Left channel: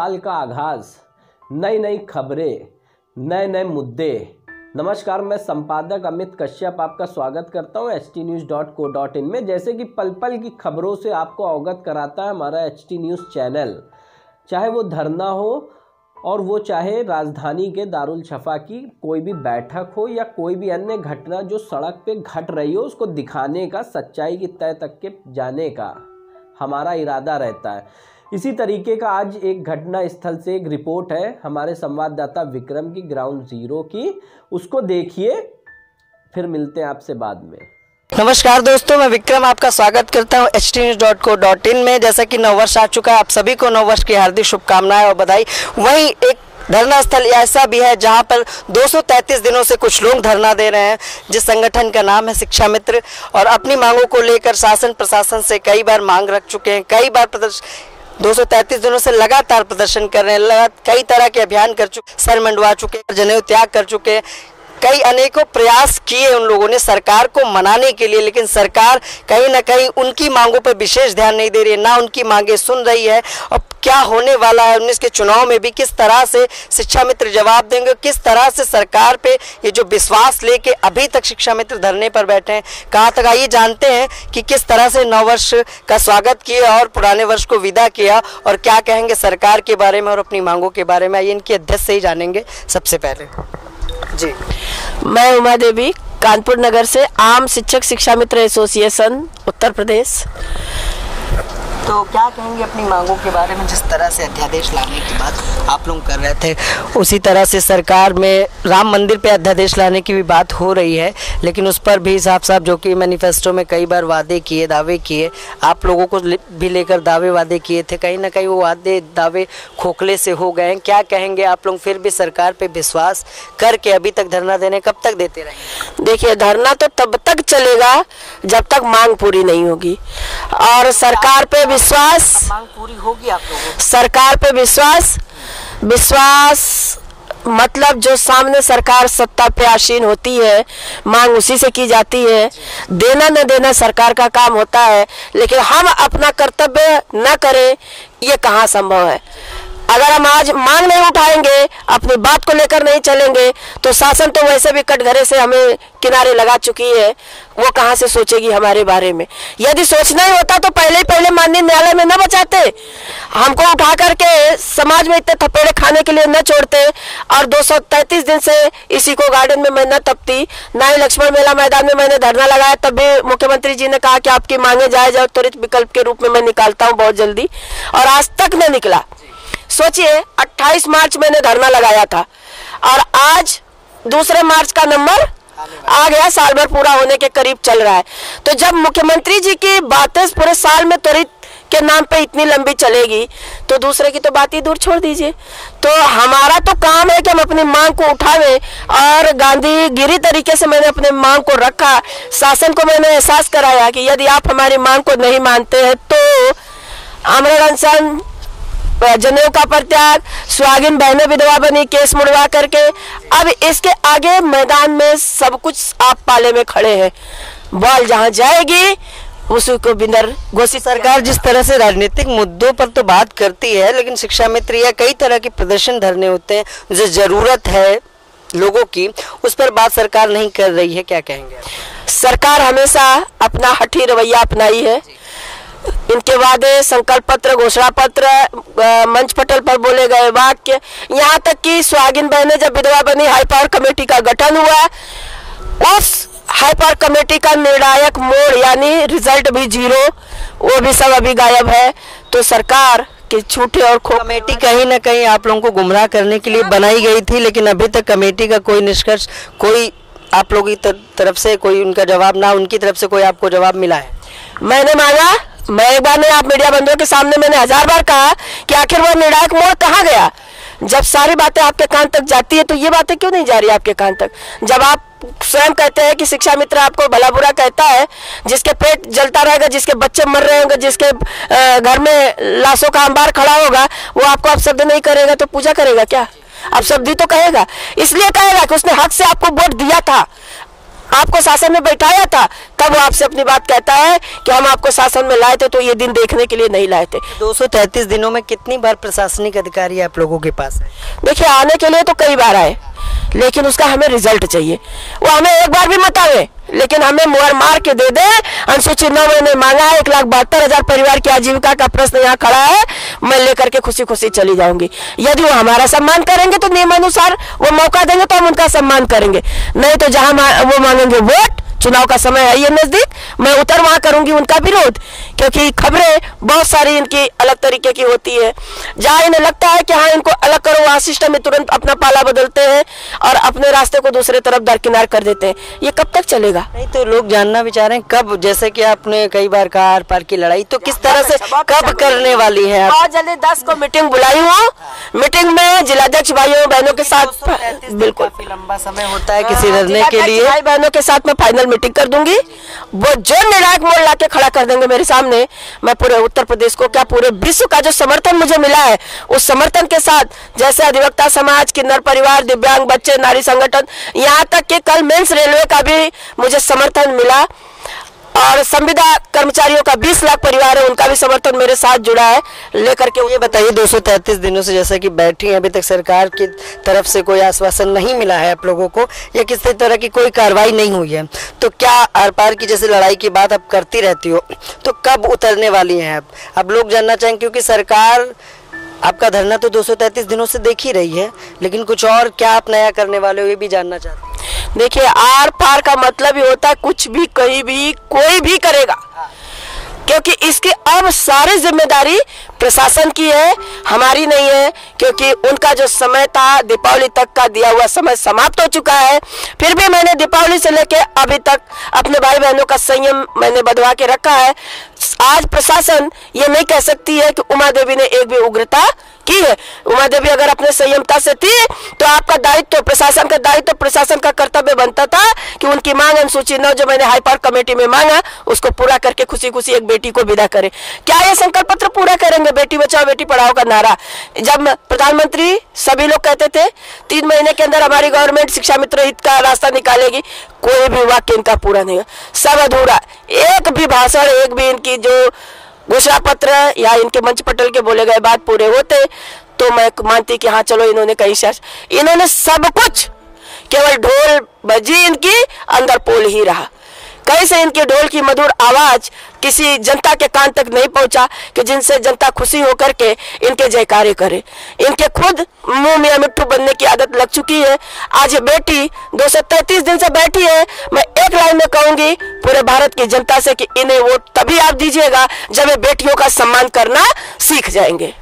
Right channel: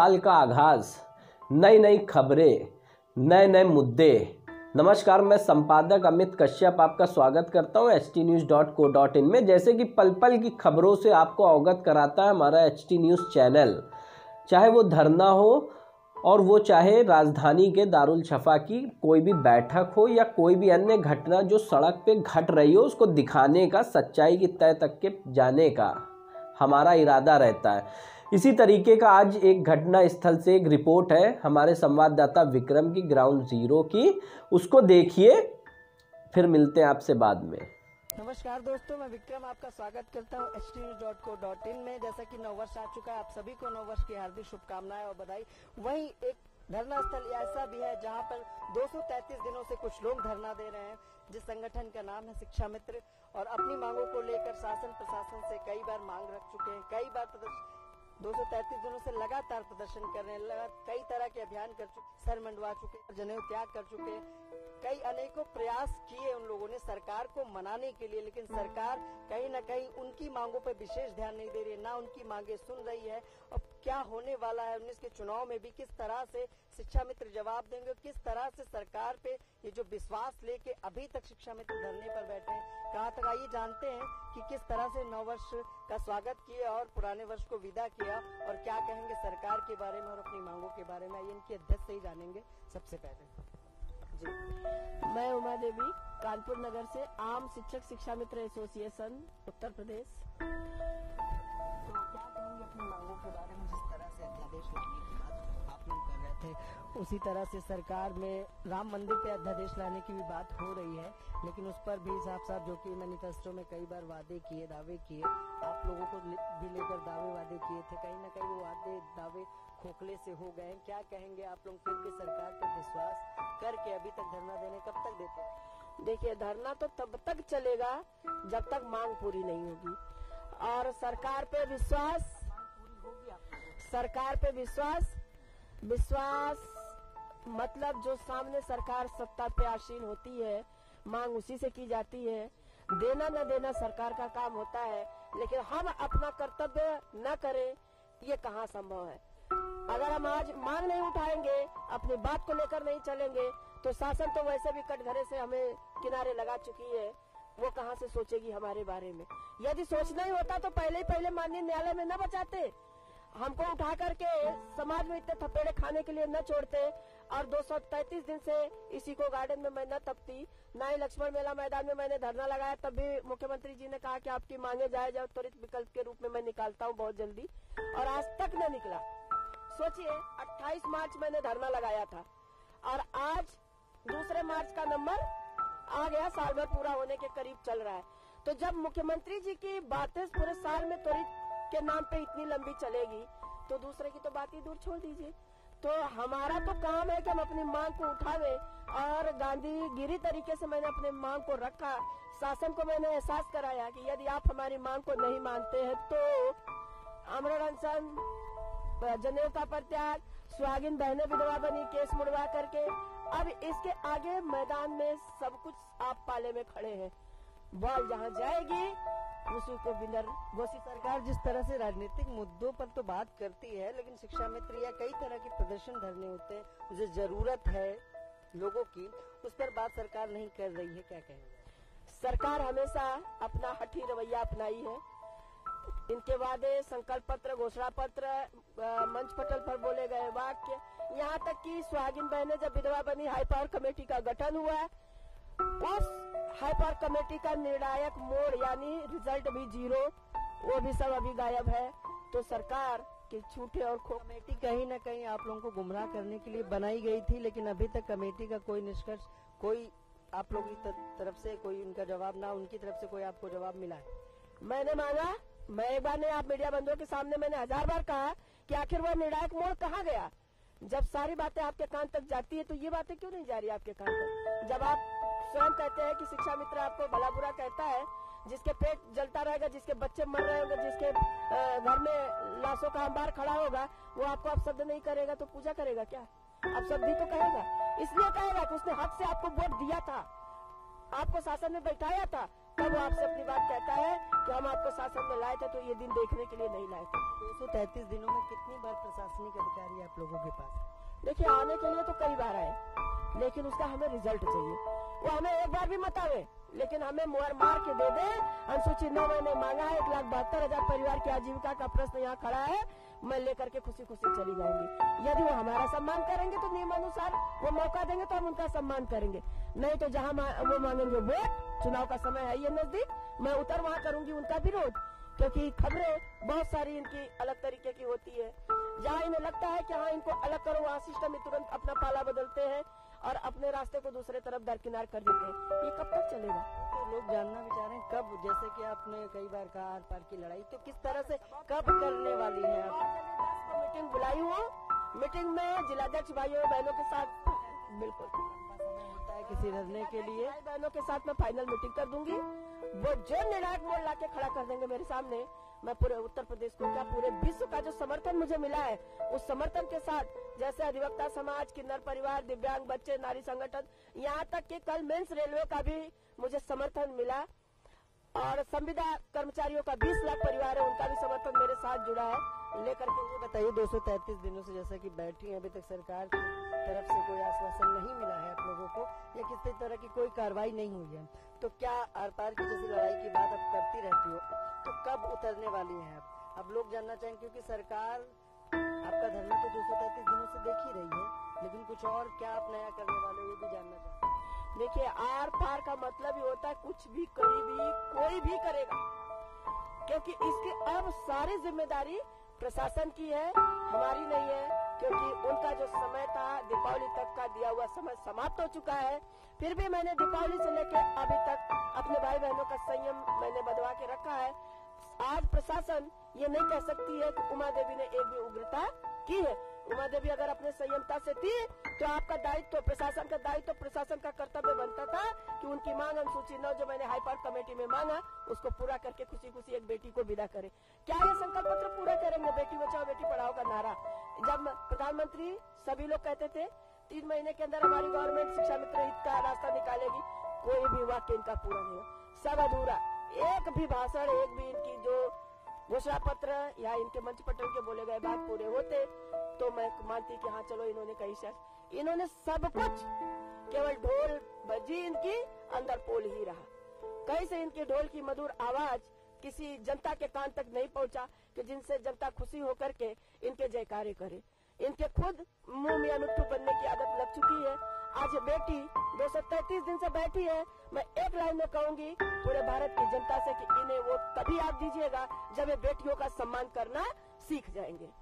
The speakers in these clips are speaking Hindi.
साल का आगाज, नई नई खबरें, नए नए मुद्दे। नमस्कार, मैं संपादक अमित कश्यप आपका स्वागत करता हूं htnews.co.in में। जैसे कि पल पल की खबरों से आपको अवगत कराता है हमारा HT न्यूज़ चैनल, चाहे वो धरना हो और वो चाहे राजधानी के दारुल छफा की कोई भी बैठक हो या कोई भी अन्य घटना जो सड़क पे घट रही हो, उसको दिखाने का, सच्चाई की तह तक के जाने का हमारा इरादा रहता है। इसी तरीके का आज एक घटना स्थल से एक रिपोर्ट है हमारे संवाददाता विक्रम की, ग्राउंड जीरो की। उसको देखिए, फिर मिलते हैं आपसे बाद में। नमस्कार दोस्तों, मैं विक्रम आपका स्वागत करता हूं htnews.co.in में। जैसा कि नववर्ष आ चुका है, आप सभी को नववर्ष की हार्दिक शुभकामनाएं और बधाई। वहीं एक धरना स्थल ऐसा भी है जहां पर 233 दिनों से कुछ लोग धरना दे रहे हैं, जिस संगठन का नाम है शिक्षा मित्र, और अपनी मांगों को लेकर शासन प्रशासन से कई बार मांग रख चुके हैं। कई बार 233 दिनों से लगातार प्रदर्शन कर रहे हैं, कई तरह के अभियान कर चुके, सर मंडवा चुके, जनेऊ त्याग कर चुके हैं। कई अनेकों प्रयास किए उन लोगों ने सरकार को मनाने के लिए, लेकिन सरकार कहीं ना कहीं उनकी मांगों पर विशेष ध्यान नहीं दे रही है, ना उनकी मांगें सुन रही है। और क्या होने वाला है 19 के चुनाव में भी, किस तरह से शिक्षा मित्र जवाब देंगे, किस तरह से सरकार पे ये जो विश्वास लेके अभी तक शिक्षा मित्र धरने पर बैठे हैं, कहाँ तक आइए जानते हैं कि किस तरह से नववर्ष का स्वागत किया और पुराने वर्ष को विदा किया, और क्या कहेंगे सरकार के बारे में और अपनी मांगों के बारे में। आइए इनके अध्यक्ष से ही जानेंगे। सबसे पहले जी, मैं उमा देवी, कानपुर नगर से, आम शिक्षक शिक्षा मित्र एसोसिएशन उत्तर प्रदेश। तो क्या कहेंगे अपनी मांगों के बारे में? जिस तरह से अध्यादेश लाने की बात आप लोग कर रहे थे, उसी तरह से सरकार में राम मंदिर पे अध्यादेश लाने की भी बात हो रही है, लेकिन उस पर भी साफ साफ जो कि मैनिफेस्टो में कई बार वादे किए, दावे किए, आप लोगों को भी लेकर दावे वादे किए थे, कहीं ना कहीं वो वादे दावे खोखले से हो गए हैं। क्या कहेंगे आप लोग? फिर भी सरकार पे विश्वास करके अभी तक धरना देने कब तक देते रहेंगे? देखिए, धरना तो तब तक चलेगा जब तक मांग पूरी नहीं होगी, और सरकार पे विश्वास, मांग पूरी होगी आप लोगों को? सरकार पे विश्वास मतलब जो सामने सरकार सत्ता पे आसीन होती है, मांग उसी से की जाती है। देना न देना सरकार का काम होता है, लेकिन हम अपना कर्तव्य न करें, ये कहाँ संभव है। अगर हम आज मांग नहीं उठाएंगे, अपनी बात को लेकर नहीं चलेंगे, तो शासन तो वैसे भी कटघरे से हमें किनारे लगा चुकी है, वो कहाँ से सोचेगी हमारे बारे में। यदि सोचना ही होता तो पहले माननीय न्यायालय में न बचाते, हमको उठा करके समाज में इतने थपेड़े खाने के लिए न छोड़ते, और 233 दिन से इसी को गार्डन में मैं न तपती, ना ही लक्ष्मण मेला मैदान में मैंने धरना लगाया। तब भी मुख्यमंत्री जी ने कहा कि आपकी मांगे जायज और त्वरित विकल्प के रूप में मैं निकालता हूँ बहुत जल्दी, और आज तक न निकला। सोचिए, 28 मार्च मैंने धरना लगाया था और आज 2 मार्च का नंबर आ गया, साल भर पूरा होने के करीब चल रहा है। तो जब मुख्यमंत्री जी की बातें पूरे साल में त्वरित के नाम पे इतनी लंबी चलेगी, तो दूसरे की तो बात ही दूर छोड़ दीजिए। तो हमारा तो काम है कि हम अपनी मांग को उठावें, और गांधीगिरी तरीके से मैंने अपने मांग को रखा। शासन को मैंने एहसास कराया कि यदि आप हमारी मांग को नहीं मानते हैं तो आमरण अनशन, जनेऊ का परित्याग, सुहागिन बहनें विधवा बनी, केस मुड़वा करके, अब इसके आगे मैदान में सब कुछ आप पाले में खड़े हैं। बॉल जहां जाएगी उसी को बिंदर घोषित। सरकार जिस तरह से राजनीतिक मुद्दों पर तो बात करती है, लेकिन शिक्षा मित्र या कई तरह के प्रदर्शन धरने होते हैं जो जरूरत है लोगों की, उस पर बात सरकार नहीं कर रही है। क्या कहेंगे? सरकार हमेशा अपना हठी रवैया अपनाई है। इनके वादे, संकल्प पत्र, घोषणा पत्र, मंच पटल पर बोले गए वाक्य, यहाँ तक कि सुहागिन बहनें जब विधवा बनी, हाई पावर कमेटी का गठन हुआ, उस हाई पावर कमेटी का निर्णायक मोड़ यानी रिजल्ट भी 0, वो भी सब अभी गायब है। तो सरकार के झूठे और कमेटी कहीं ना कहीं आप लोगों को गुमराह करने के लिए बनाई गई थी, लेकिन अभी तक कमेटी का कोई निष्कर्ष, कोई आप लोगों की तरफ से कोई उनका जवाब, ना उनकी तरफ से कोई आपको जवाब मिला है? मैंने मांगा, मैं एक बार नहीं, आप मीडिया बंधुओं के सामने मैंने 1000 बार कहा कि आखिर वो निर्णायक मोड़ कहाँ गया। जब सारी बातें आपके कान तक जाती है तो ये बातें क्यों नहीं जा रही आपके कान तक? जब आप स्वयं कहते हैं कि शिक्षा मित्र आपको भला बुरा कहता है, जिसके पेट जलता रहेगा, जिसके बच्चे मर रहे होंगे, जिसके घर में लाशों का अंबार खड़ा होगा, वो आपको अपशब्द नहीं करेगा तो पूजा करेगा क्या? अपशब्द ही तो कहेगा। इसलिए कहेगा कि उसने हक से आपको वोट दिया था, आपको शासन में बैठाया था, तब वो आपसे अपनी बात कहता है कि हम आपको शासन में लाए थे तो ये दिन देखने के लिए नहीं लाए थे। 233 दिनों में कितनी बार प्रशासनिक अधिकारी आप लोगों के पास है? देखिए, आने के लिए तो कई बार आए, लेकिन उसका हमें रिजल्ट चाहिए। वो हमें एक बार भी मत आवे, लेकिन हमें मुहर मार के दे दे। अनुसूचित 9 मैंने मांगा है, 1,72,000 परिवार की आजीविका का प्रश्न यहाँ खड़ा है, मैं लेकर के खुशी खुशी चली जाऊंगी। यदि वो हमारा सम्मान करेंगे तो नियमानुसार वो मौका देंगे तो हम उनका सम्मान करेंगे, नहीं तो जहां वो मांगेंगे वोट, चुनाव का समय है ये नजदीक, मैं उतर वहां करूंगी उनका विरोध। क्योंकि खबरें बहुत सारी इनकी अलग तरीके की होती है। जहां इन्हें लगता है कि हाँ इनको अलग करो, वहां सिस्टम में तुरंत अपना पाला बदलते हैं और अपने रास्ते को दूसरे तरफ दरकिनार कर देते हैं। ये कब तक चलेगा? नहीं तो लोग जानना भी चाह रहे हैं कब, जैसे कि आपने कई बार कहा आर पार की लड़ाई, तो किस तरह से कब करने वाली है? बहुत जल्दी 10 को मीटिंग बुलाई हूँ। मीटिंग में जिलाध्यक्ष भाइयों बहनों के साथ, बिल्कुल काफी लंबा समय होता है किसी निर्णय के लिए, भाई बहनों के साथ मैं फाइनल मीटिंग कर दूंगी। वो जो निर्णायक मोड़ लाके खड़ा कर देंगे मेरे सामने, मैं पूरे उत्तर प्रदेश को क्या पूरे विश्व का जो समर्थन मुझे मिला है, उस समर्थन के साथ, जैसे अधिवक्ता समाज, किन्नर परिवार, दिव्यांग बच्चे, नारी संगठन, यहाँ तक कि कल मेंस रेलवे का भी मुझे समर्थन मिला और संविदा कर्मचारियों का 20 लाख परिवार है, उनका भी समर्थन मेरे साथ जुड़ा है लेकर के। ये बताइए 233 दिनों से जैसे कि बैठी हैं, अभी तक सरकार की तरफ से कोई आश्वासन नहीं मिला है आप लोगों को, या किसी तरह की कोई कार्रवाई नहीं हुई है, तो क्या आर पार की जैसे लड़ाई की बात आप करती रहती हो, तो कब उतरने वाली हैं आप? अब लोग जानना चाहेंगे क्योंकि सरकार आपका धरना तो 233 दिनों से देख ही रही है, लेकिन कुछ और क्या आप नया करने वाले हो ये भी जानना चाहते हैं। देखिए, आर पार का मतलब ही होता है कुछ भी कहीं भी कोई भी करेगा, क्योंकि इसकी अब सारी जिम्मेदारी प्रशासन की है, हमारी नहीं है। क्योंकि उनका जो समय था दीपावली तक का दिया हुआ समय समाप्त हो चुका है। फिर भी मैंने दीपावली से लेके अभी तक अपने भाई बहनों का संयम मैंने बंधवा के रखा है। आज प्रशासन ये नहीं कह सकती है कि उमा देवी ने एक भी उग्रता की है। उमा देवी अगर अपने संयमता से थी तो आपका दायित्व, प्रशासन का दायित्व, प्रशासन का कर्तव्य बनता था कि उनकी मांग अनुसूचित 9 जो मैंने हाई पावर कमेटी में मांगा उसको पूरा करके खुशी खुशी एक बेटी को विदा करे। क्या ये संकल्प पत्र पूरा करेंगे? बेटी बचाओ बेटी पढ़ाओ का नारा जब प्रधानमंत्री सभी लोग कहते थे 3 महीने के अंदर हमारी गवर्नमेंट शिक्षा मित्र हित का रास्ता निकालेगी, कोई भी वाक्य इनका पूरा नहीं है, सब अधूरा। एक भी भाषण, एक भी इनकी जो घोषणा पत्र या इनके मंच पटल के बोले गए बात पूरे होते तो मैं मानती कि हाँ चलो इन्होंने कहीं से, इन्होंने सब कुछ, केवल ढोल बजी इनकी, अंदर पोल ही रहा। कहीं से इनके ढोल की मधुर आवाज किसी जनता के कान तक नहीं पहुंचा कि जिनसे जनता खुशी होकर के इनके जयकारे करे। इनके खुद मुंह में मिट्टू बनने की आदत लग चुकी है। आज ये बेटी 233 दिन से बैठी है। मैं एक लाइन में कहूंगी पूरे भारत की जनता से कि इन्हें वोट तभी आप दीजिएगा जब ये बेटियों का सम्मान करना सीख जाएंगे।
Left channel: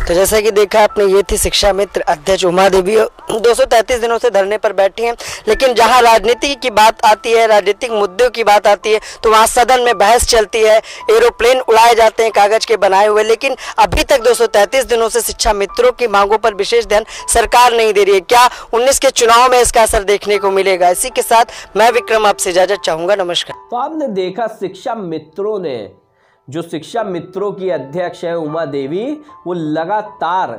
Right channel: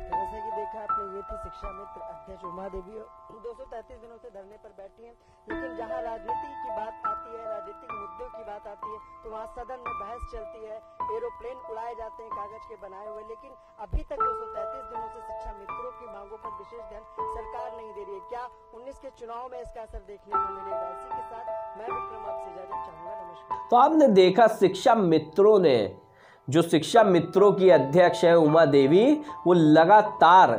तो जैसा कि देखा आपने, ये थी शिक्षा मित्र अध्यक्ष उमा देवी। 233 दिनों से धरने पर बैठी हैं, लेकिन जहां राजनीति की बात आती है, राजनीतिक मुद्दों की बात आती है, तो वहां सदन में बहस चलती है, एरोप्लेन उड़ाए जाते हैं कागज के बनाए हुए। लेकिन अभी तक 233 दिनों से शिक्षा मित्रों की मांगों पर विशेष ध्यान सरकार नहीं दे रही है। क्या 19 के चुनाव में इसका असर देखने को मिलेगा? इसी के साथ मैं विक्रम आपसे इजाजत चाहूंगा। नमस्कार। तो आपने देखा शिक्षा मित्रों ने, जो शिक्षा मित्रों की अध्यक्ष है उमा देवी, वो लगातार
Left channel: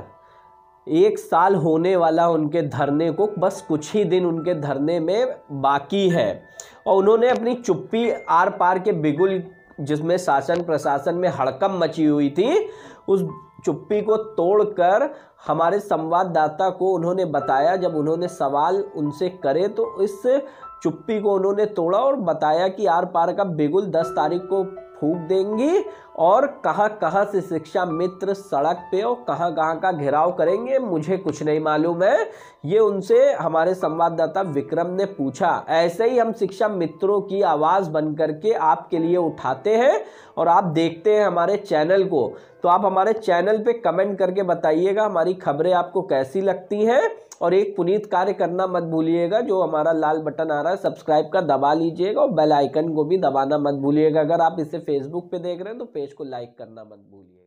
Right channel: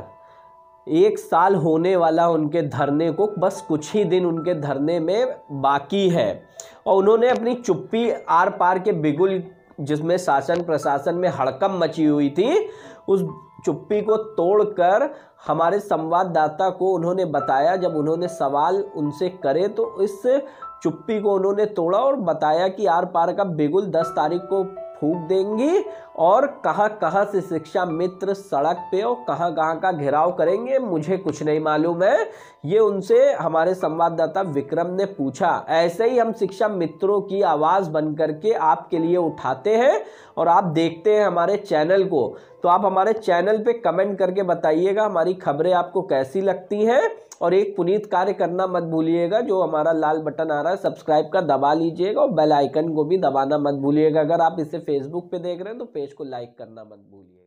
1 साल होने वाला उनके धरने को, बस कुछ ही दिन उनके धरने में बाकी है, और उन्होंने अपनी चुप्पी आर पार के बिगुल, जिसमें शासन प्रशासन में हड़कंप मची हुई थी, उस चुप्पी को तोड़कर हमारे संवाददाता को उन्होंने बताया, जब उन्होंने सवाल उनसे करे तो इस चुप्पी को उन्होंने तोड़ा और बताया कि आर पार का बिगुल 10 तारीख को फूंक देंगी और कहाँ कहाँ से शिक्षा मित्र सड़क पे और कहाँ कहाँ का घेराव करेंगे मुझे कुछ नहीं मालूम है। ये उनसे हमारे संवाददाता विक्रम ने पूछा। ऐसे ही हम शिक्षा मित्रों की आवाज़ बन करके आपके लिए उठाते हैं और आप देखते हैं हमारे चैनल को। तो आप हमारे चैनल पे कमेंट करके बताइएगा हमारी खबरें आपको कैसी लगती हैं, और एक पुनीत कार्य करना मत भूलिएगा, जो हमारा लाल बटन आ रहा है सब्सक्राइब का दबा लीजिएगा और बेल आइकन को भी दबाना मत भूलिएगा। अगर आप इसे फेसबुक पे देख रहे हैं तो पेज को लाइक करना मत भूलिएगा।